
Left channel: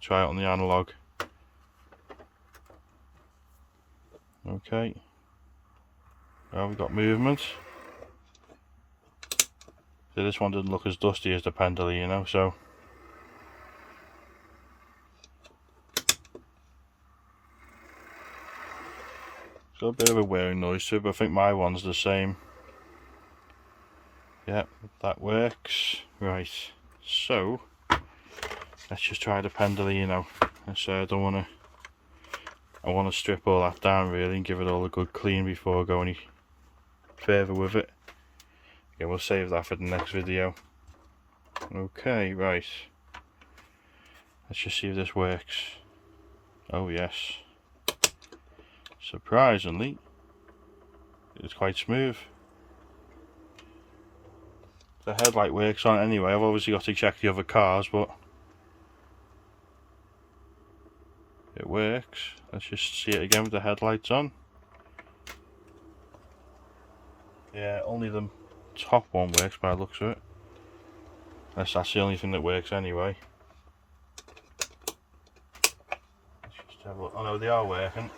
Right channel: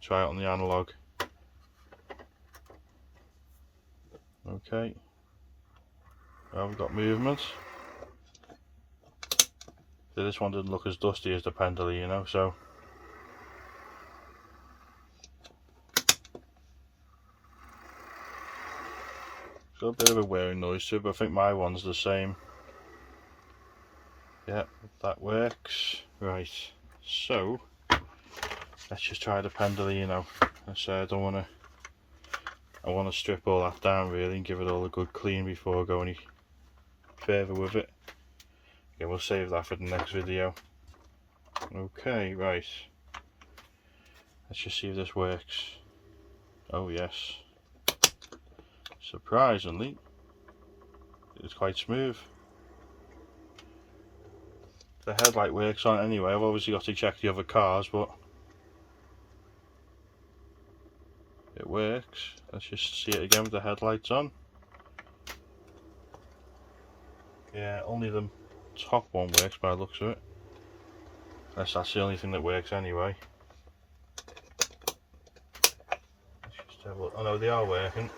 try it on the analog. Okay. Well, we've got movement. So this one didn't look as dusty as the pendulum, you know, so. Got a bit of a wearing noise too, but I think my one's the same. Yeah, that works. Right, so let's just try the pendolino. So I want to strip all that down really and give it all a good clean before I go any further with it. Yeah, we'll save that for the next video. Okay, right. Let's just see if this works. Oh yes. Surprisingly, it's quite smooth. The headlight works on it anyway. I've obviously got to check the other cars, but it works. Let's just see it again with the headlights on. Yeah, only the top one works by the looks of it. That's the only thing that works anyway. Let's just have a look. Oh no, they are working.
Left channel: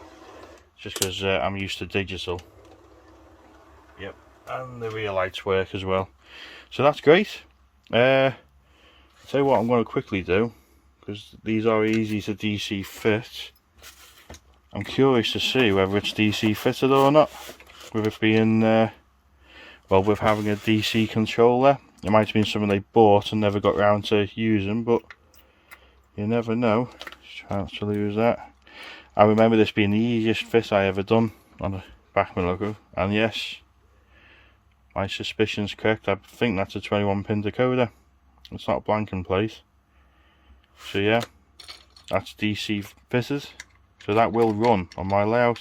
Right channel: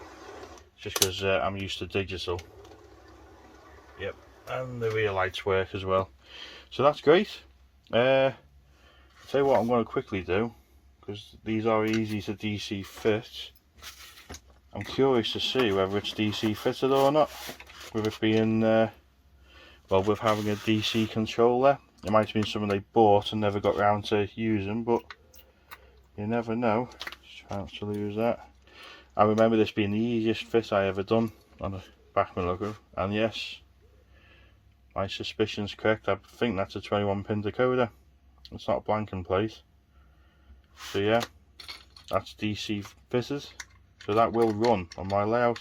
It's just because I'm used to digital. Yep, and the rear lights work as well. So that's great. I'll tell you what I'm going to quickly do, because these are easy to DC fit. I'm curious to see whether it's DC fitted or not, with it being, well, with having a DC controller. It might have been something they bought and never got round to using, but you never know. Chance to lose that. I remember this being the easiest fit I ever done on a Bachmann logo, and yes, my suspicion's correct. I think that's a 21-pin decoder. It's not blank in place. So yeah, that's DC fitted. So that will run on my layout.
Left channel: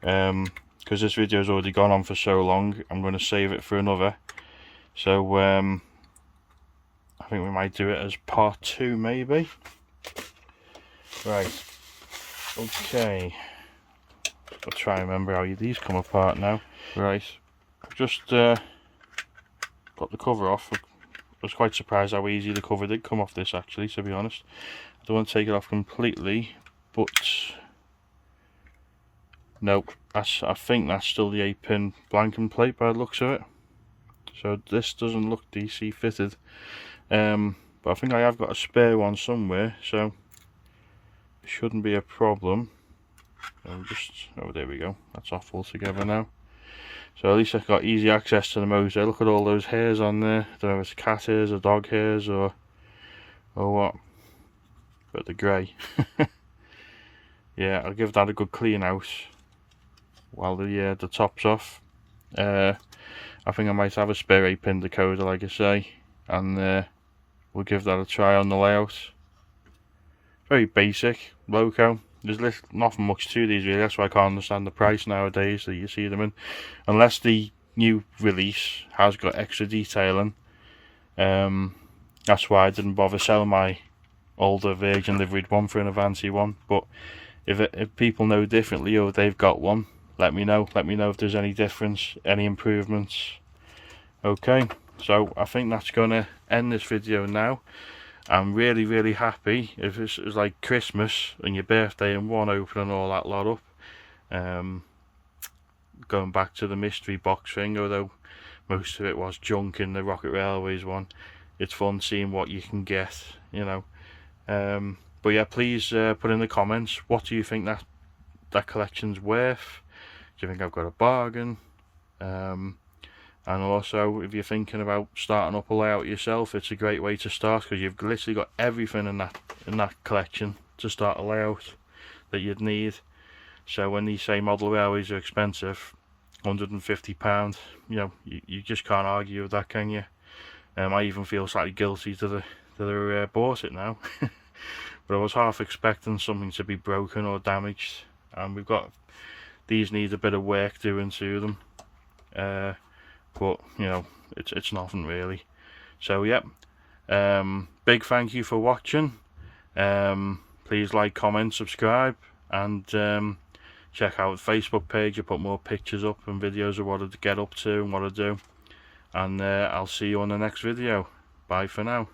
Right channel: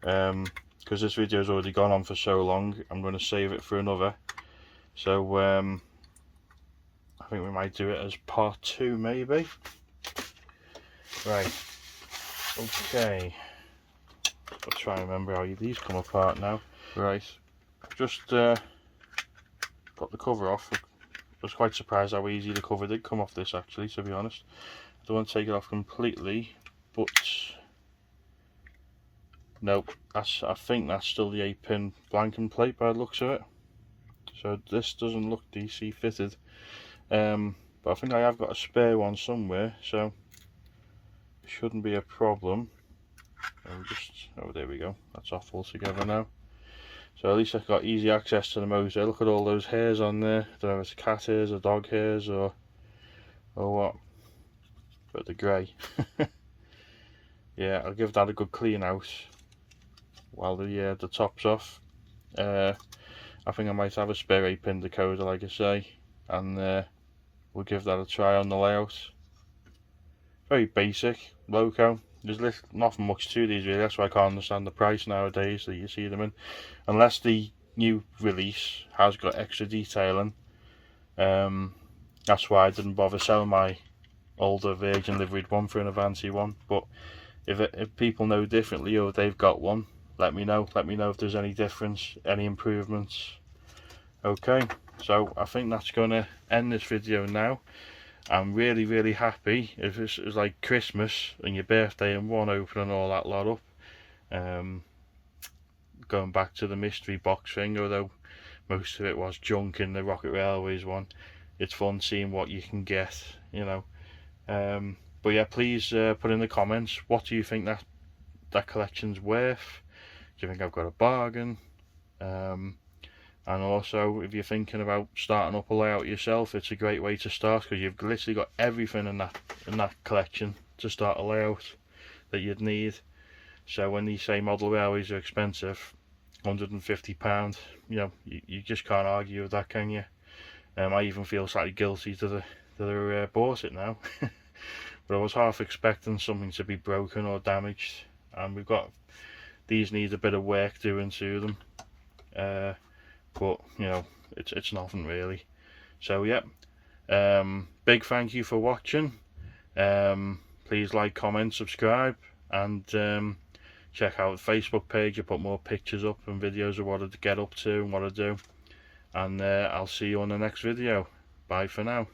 Because this video's already gone on for so long, I'm going to save it for another. So I think we might do it as part 2 maybe. Right. Okay. I'll try and remember how these come apart now. Right. Just got the cover off. I was quite surprised how easy the cover did come off this, actually, to be honest. I don't want to take it off completely, but nope, I think that's still the 8-pin blanking plate by the looks of it. So this doesn't look DC fitted, but I think I have got a spare one somewhere, so it shouldn't be a problem. Oh, there we go, that's off altogether now. So at least I've got easy access to the motor. Look at all those hairs on there. I don't know if it's cat hairs or dog hairs or what. But the grey. Yeah, I'll give that a good clean out while the top's off. I think I might have a spare 8-pin decoder, like I say, and we'll give that a try on the layout. Very basic loco. There's nothing much to these really. That's why I can't understand the price nowadays that you see them in, unless the new release has got extra detailing. That's why I didn't bother selling my older Virgin liveried one for an Avanti one. But if people know differently or they've got one, let me know. Let me know if there's any difference, any improvements. Okay, so I think that's gonna end this video now. I'm really happy. If this is like Christmas and your birthday in one, opening all that lot up, going back to the mystery box thing, although most of it was junk in the Rocket Railways one, it's fun seeing what you can get, you know. But yeah, please put in the comments, what do you think that collection's worth? Do you think I've got a bargain? And also, if you're thinking about starting up a layout yourself, it's a great way to start, because you've literally got everything in that collection to start a layout that you'd need. So when these say model railways are expensive, £150, you know, you just can't argue with that, can you? I even feel slightly guilty to the bought it now. But I was half expecting something to be broken or damaged, and these need a bit of work doing to them. But you know, it's nothing really. So yep, big thank you for watching. Please like, comment, subscribe, and check out the Facebook page. I put more pictures up and videos of what I get up to and what I do. And I'll see you on the next video. Bye for now.